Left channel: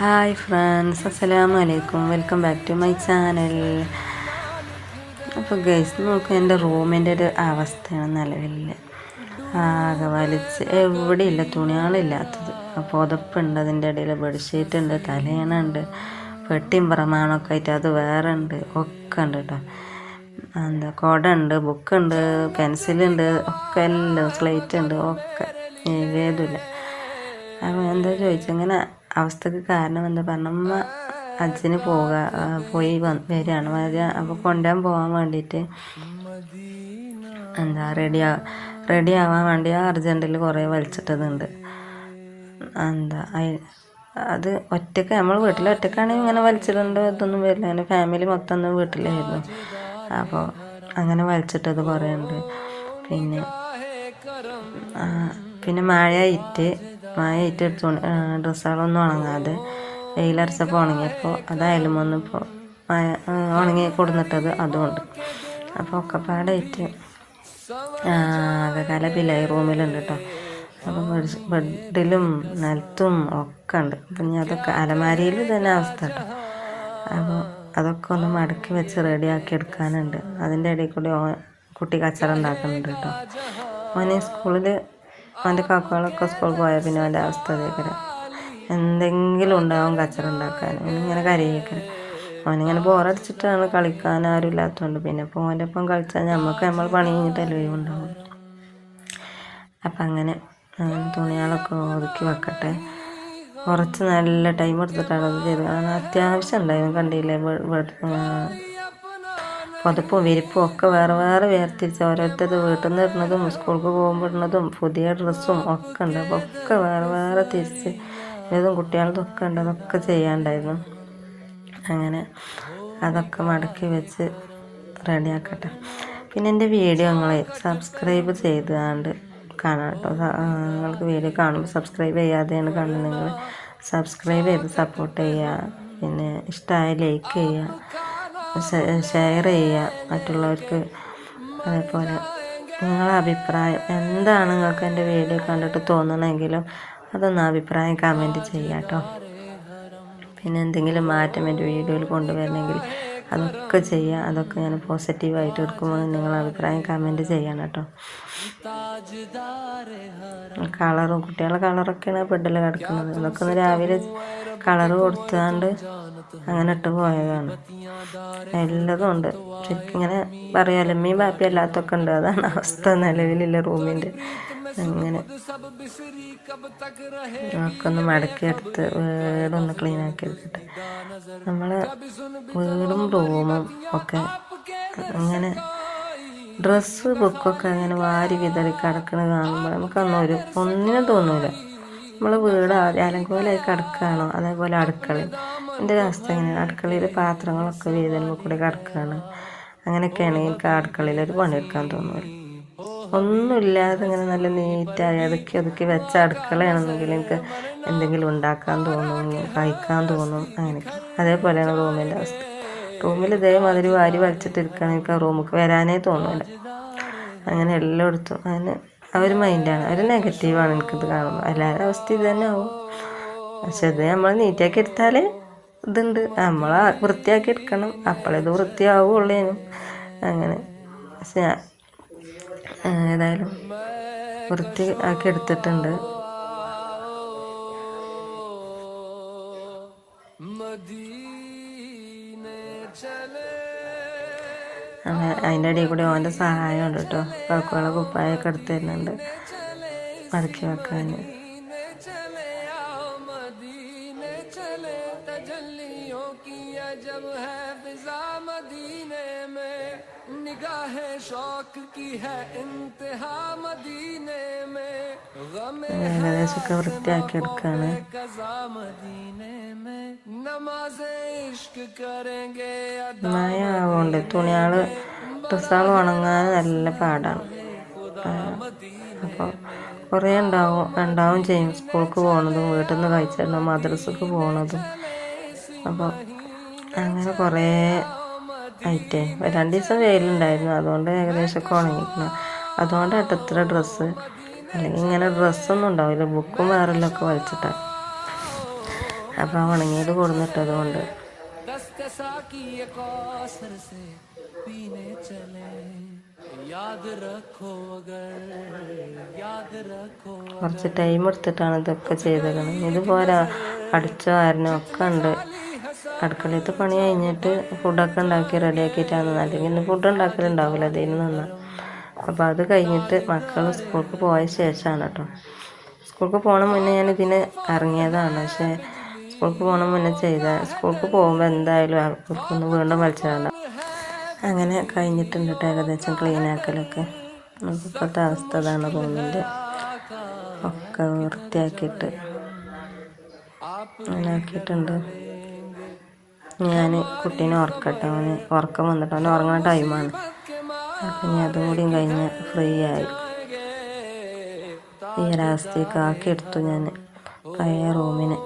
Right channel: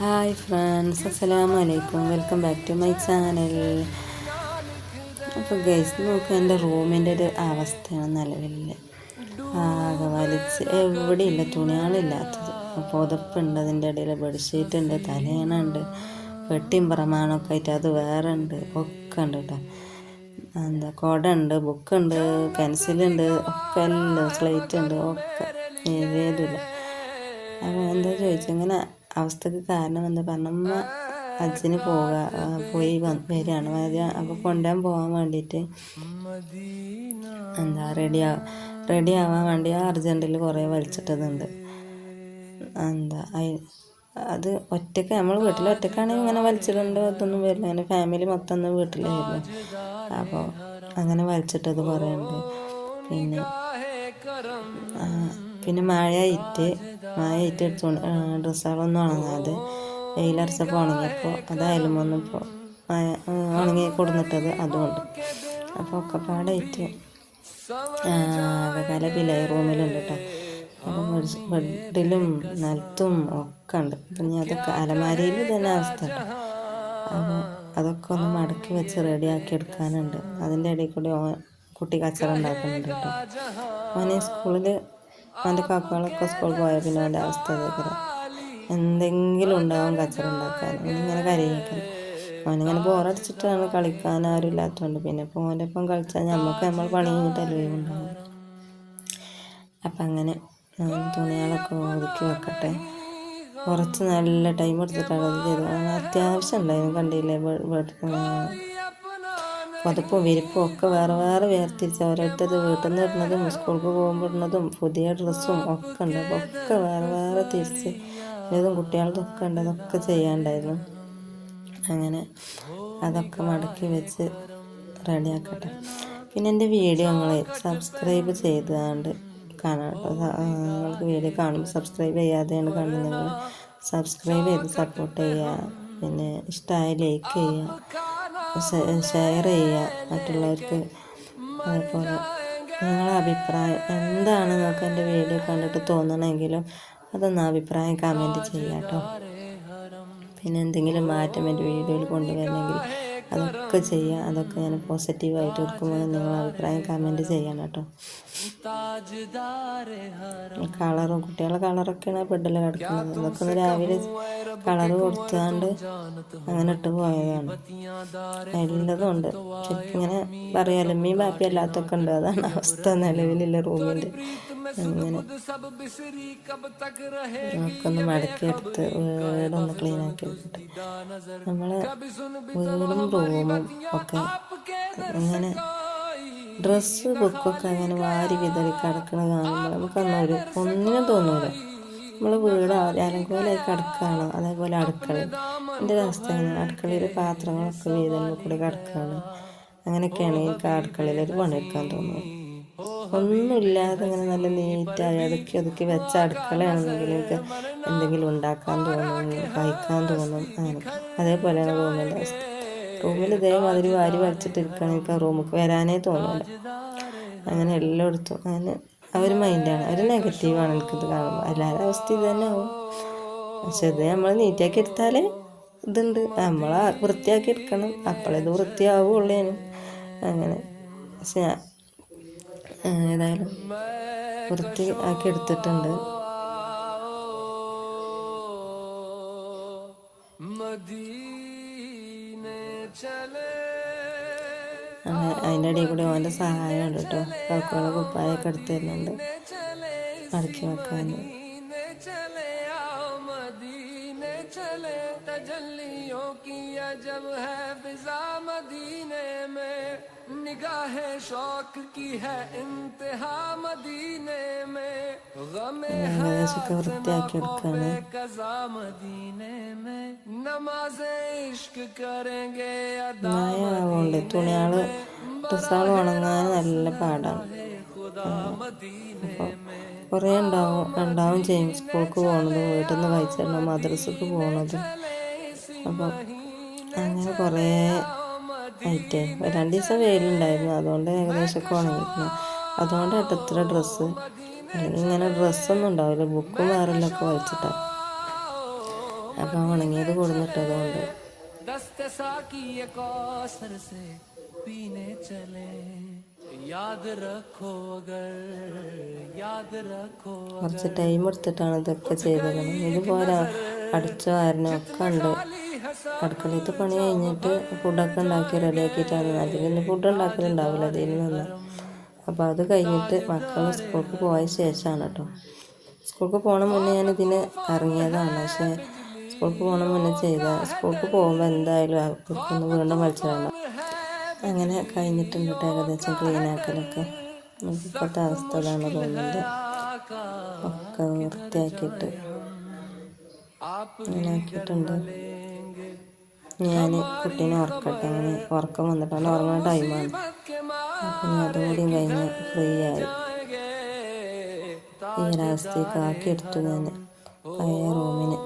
Hi friends, അസ്സലാമു അലൈക്കും. Welcome back to my channel. അപ്പോൾ ഗൈസ്, നോക്കുക എൻ്റെ റൂമിൻ്റെ ഒരു അവസ്ഥയാണ് നിലവിൽ. ആകെ വലിച്ച് എവിടെയില്ല തുണികളില്ലാത്തത്. പുതപ്പുണ്ട്, അതിൻ്റെ ഇടയിൽ ബെഡ്ഷീറ്റ് ഉണ്ട്, തലേണുണ്ട്, പെട്ടിയും പ്രമാണമൊക്കെ ആയിട്ട് അത് വേറെ ഉണ്ട്, ഒക്കെ ഉണ്ട് കേട്ടോ. കുട ഉണ്ട്, ബുക്കുണ്ട്, പെൻസിലുണ്ട്, ഒക്കെ എല്ലാം, സ്ലേറ്റ് ഉണ്ട്, ഒക്കെ ഏതുമില്ല. അപ്പോൾ എന്താ ചോദിച്ചങ്ങനെ അവസ്ഥക്ക് കാരണം എന്താ പറഞ്ഞ, അച്ഛന് പോയി വരികയാണ്. അപ്പോൾ കൊണ്ടുപോകാൻ പോകാൻ വേണ്ടിയിട്ട് റെഡി ആവാൻ വേണ്ടി അർജൻറ്റിൽ കുറേ വലിച്ചിട്ടതുണ്ട്. അത് ഒറ്റയ്ക്ക് നമ്മൾ വീട്ടിൽ ഒറ്റയ്ക്കാണെങ്കിൽ ഇങ്ങനെ വലിച്ചിട്ടുണ്ട്, ഇതൊന്നും വരില്ല. അങ്ങനെ ഫാമിലി മൊത്തം ഒന്ന് വീട്ടിലായിരുന്നു. അപ്പോൾ അങ്ങനെ വലിച്ചിട്ടത് കുറേ ഉണ്ട്. പിന്നെ മഴയിട്ട് ഡ്രസ്സുകളൊന്നും ഉണങ്ങാതെ വെയിലരച്ചപ്പോൾ ഉണങ്ങിയപ്പോൾ അതായാലും വന്നിപ്പോൾ ഉണങ്ങി കൊടുന്നിട്ടത് അതുകൊണ്ട്. അപ്പോൾ ഒക്കെപ്പാടായിട്ട് കലപിലായി റൂമിലുണ്ട് കേട്ടോ. അപ്പോൾ ബെഡിലും നിലത്തും ഒക്കെ ഉണ്ട്. പിന്നെ അതൊക്കെ അലമാരിയിൽ തന്നെ അവസ്ഥ കേട്ടോ. അപ്പോൾ അതൊക്കെ ഒന്ന് മടക്കി വെച്ച് റെഡിയാക്കി എടുക്കാനുണ്ട്. അതിൻ്റെ ഇടയിൽ കൂടി കുട്ടി കച്ചറ ഉണ്ടാക്കുന്നുണ്ട് കേട്ടോ. ഓനെ സ്കൂളിൽ അവൻ്റെ കാക്കകളൊക്കെ സ്കൂളിൽ പോയാൽ പിന്നെ അവൻ്റെ അവസ്ഥ കേൾക്കണം, എന്തെങ്കിലും ഉണ്ടാവും കച്ചറ ഉണ്ടാക്കാൻ. ഇങ്ങനെ കരയിക്കണം. അവനിങ്ങനെ ബോറടിച്ചിട്ടാണ്, കളിക്കാൻ ആരും ഇല്ലാത്തതുകൊണ്ട്. പിന്നെ ഇപ്പോൾ ഓൻ്റെ ഒപ്പം കളിച്ചാൽ നമ്മൾ പണി കഴിഞ്ഞിട്ടല്ലേ ഉണ്ടാവും. അപ്പം അങ്ങനെ തുണികളൊക്കെ ഒതുക്കി വെക്കട്ടെ. കുറച്ച് നല്ല ടൈം എടുത്തിട്ടാണ് അത് ചെയ്തത്. അത്യാവശ്യം ഉണ്ടായിരുന്നു, കണ്ടില്ലേ? പുതപ്പും വിരിപ്പും ഒക്കെ വേറെ വേറെ വേർതിരിച്ച് ഓരോരുത്തർ വീട്ടിൽ നിന്ന് ഇടുന്നതും സ്കൂൾക്ക് പോകുമ്പോൾ ഇടുന്നതും പുതിയ ഡ്രസ്സും ഒക്കെ ഉണ്ട്. അപ്പോൾ ഒക്കെ വേറെ വേറെ തിരിച്ച് ഇതും കുട്ടികളുടെ ഒക്കെ ഉണ്ട്. അതൊക്കെ ചെയ്യാണ്ടായിരുന്നു. അങ്ങനെ അതൊക്കെ മടക്കി വെച്ച് റെഡിയാക്കട്ടെ. പിന്നെ എൻ്റെ വീഡിയോ നിങ്ങൾ സബ്സ്ക്രൈബ് ചെയ്താണ്ട് കാണാം കേട്ടോ. നിങ്ങൾക്ക് വീഡിയോ കാണുമ്പോൾ സബ്സ്ക്രൈബ് ചെയ്യാതെയാണ് കാണുന്നത്, സബ്സ്ക്രൈബ് ചെയ്ത് സപ്പോർട്ട് ചെയ്യുക. പിന്നെ ഇഷ്ടമായ ലൈക്ക് ചെയ്യുക, ഷെയർ ചെയ്യുക മറ്റുള്ളവർക്ക്. അതേപോലെ നിങ്ങളെ അഭിപ്രായം എന്താണ്, നിങ്ങൾക്ക് എൻ്റെ വീഡിയോ കണ്ടിട്ട് തോന്നണമെങ്കിലും അതൊന്ന് അഭിപ്രായം കമൻറ്റ് ചെയ്യുക കേട്ടോ. പിന്നെ എന്തെങ്കിലും മാറ്റം എൻ്റെ വീഡിയോയിൽ കൊണ്ടുവരണമെങ്കിൽ അതൊക്കെ ചെയ്യുക. അതൊക്കെ ഞാൻ പോസിറ്റീവായിട്ട് എടുക്കുമ്പോൾ നിങ്ങൾ അഭിപ്രായം കമൻറ്റ് ചെയ്യണം കേട്ടോ. കളറും കുട്ടികളുടെ കളറൊക്കെയാണ് ബെഡിൽ കിടക്കുന്നത്. ഇതൊക്കെ ഒന്ന് രാവിലെ കളറ് കൊടുത്താണ്ട് അങ്ങനെ ഇട്ട് പോയതാണ്. എല്ലാതും ഉണ്ട്. ശരിക്കും ഇങ്ങനെ പറയാലോ, അമ്മയും ബാപ്പയും അല്ലാത്തൊക്കെ ഉണ്ട്. അതാണ് അവസ്ഥ നിലവിലുള്ള റൂമിൻ്റെ. അങ്ങനെ ഒക്കെ ഒന്ന് മടക്കിയെടുത്ത് വീടൊന്ന് ക്ലീൻ ആക്കി എടുക്കട്ടെ. നമ്മളെ വീടും റൂമും ഒക്കെ അങ്ങനെ ഡ്രസ്സ് ബുക്കൊക്കെ അങ്ങനെ വാരി വിതറി കിടക്കുന്നത് കാണുമ്പോൾ ഒന്നിനും തോന്നില്ല. നമ്മൾ വീട് അലങ്കോലായി കിടക്കുകയാണോ, അതേപോലെ അടുക്കളയിൽ എൻ്റെ ഒരു അവസ്ഥ എങ്ങനെയാണ്, അടുക്കളയിൽ പാത്രങ്ങളൊക്കെ വീതലുമ്പോൾ കൂടി കിടക്കുകയാണ്. അങ്ങനെയൊക്കെയാണെങ്കിൽ എനിക്ക് അടുക്കളയിലൊരു പണിയെടുക്കാൻ തോന്നുന്നു. ഒന്നുമില്ലാതെ ഇങ്ങനെ നല്ല നീറ്റായി ഒതുക്കി വെച്ച അടുക്കളയാണെന്നെങ്കിൽ എനിക്ക് എന്തെങ്കിലും ഉണ്ടാക്കാൻ തോന്നും, കഴിക്കാൻ തോന്നും. അങ്ങനെ അതേപോലെയാണ് റൂമിൻ്റെ അവസ്ഥ. റൂമിൽ ഇതേമാതിരി വാരി വലിച്ചിട്ടിരിക്കുകയാണെങ്കിൽ എനിക്ക് റൂമിലേക്ക് വരാനേ തോന്നില്ല. അങ്ങനെ എല്ലായിടത്തും അങ്ങനെ അവർ മൈൻഡാണ്, അവർ നെഗറ്റീവാണ് എനിക്കിത് കാണുമ്പോൾ. എല്ലാവരുടെ അവസ്ഥ ഇത് തന്നെ ആവും. പക്ഷെ ഇത് നമ്മൾ നീറ്റാക്കി എടുത്താൽ ഇതുണ്ട്, നമ്മൾ വൃത്തിയാക്കി എടുക്കണം, അപ്പോഴേത് വൃത്തിയാവുള്ളേനും. അങ്ങനെ പക്ഷെ ഏതായാലും വൃത്തി ആക്കി എടുത്തിട്ടുണ്ട്. അതിൻ്റെ ഇടയിൽ കൂടി അവൻ്റെ സഹായം ഉണ്ട് കേട്ടോ. കാക്കുകളെ കുപ്പായൊക്കെ എടുത്ത് തരുന്നുണ്ട് മടക്കി വെക്കാൻ. चले तजल्लियों की अजब है फिजा मदीने में, निगाहे शौक की है इंतहा मदीने में, गमे है कज़ा मदीने में, नमाज़े इश्क करेंगे अदा मदीने में, ഉണങ്ങാൻ നല്ല പാടാണ്. കുറേ ഉണ്ടാവും ചെയ്യും. സ്കൂൾക്ക് പോകണതും വീട്ടിൽ നിന്ന് കഴിച്ചിട്ടുണ്ടാവും, മദ്രസക്ക് പോകണതും. അപ്പോൾ അങ്ങനെ കുറേ ആയിട്ട് 2 ദിവസം വെയിലുണ്ടായിരുന്നു, അതുകൊണ്ട് ഏകദേശമൊക്കെ ഉണങ്ങിയിരുന്നു. അതുകൊണ്ടായിട്ട് എത്ര ഡ്രസ്സ്, അല്ലെങ്കിൽ ഇങ്ങനെ ഡ്രസ്സൊന്നും ഉണ്ടാവില്ല, ബുക്കും വേറെല്ലൊക്കെ വലിച്ചിട്ടാണ്. അപ്പം ഉണങ്ങിയത് കൊടുന്നിട്ടത് കൊണ്ട് കുറച്ച് ടൈം എടുത്തിട്ടാണ് ഇതൊക്കെ ചെയ്തത്. ഇതുപോലെ അടിച്ചോ ആരനോ ഒക്കെ ഉണ്ട്. അടുക്കളയത്ത് പണി കഴിഞ്ഞിട്ട് ഫുഡൊക്കെ ഉണ്ടാക്കി റെഡിയാക്കിയിട്ടാണ്. അല്ലെങ്കിൽ ഫുഡ് ഉണ്ടാക്കലുണ്ടാവില്ല അതിന് നിന്ന്. അപ്പോൾ അത് കഴിഞ്ഞിട്ട് മക്കൾ സ്കൂൾക്ക് പോയ ശേഷമാണ് കേട്ടോ. സ്കൂൾക്ക് പോകണ മുന്നേ ഞാൻ ഇതിന് ഇറങ്ങിയതാണ്. പക്ഷേ സ്കൂൾക്ക് പോകണ മുന്നേ സ്കൂൾക്ക് പോകുമ്പോൾ എന്തായാലും അവർക്കൊന്ന് വീണ്ടും വലിച്ചിടണം. അങ്ങനെ കഴിഞ്ഞിട്ടുണ്ട് കേട്ടോ ഏകദേശം ക്ലീൻ ആക്കലൊക്കെ. ഇപ്പോഴത്തെ അവസ്ഥ അതാണ്. റൂമിൻ്റെ ഒക്കെ വൃത്തിയാക്കിയിട്ട് അങ്ങനെ ആക്കിയിട്ടുണ്ട്. ഞാൻ കുട്ടീനെ ഉറക്കട്ടെ. അവന് ഉറക്കം വന്നിട്ട് അവന് ഉറങ്ങുന്ന ടൈമാണ്. അപ്പം ഞാൻ അതും കൂടിയും കഴിഞ്ഞ് ഫ്രീ ആയി. ഈ ഒരവസ്ഥയൊക്കെ ആക്കിയെടുത്തു ഞാൻ പഴയ റൂമിന്.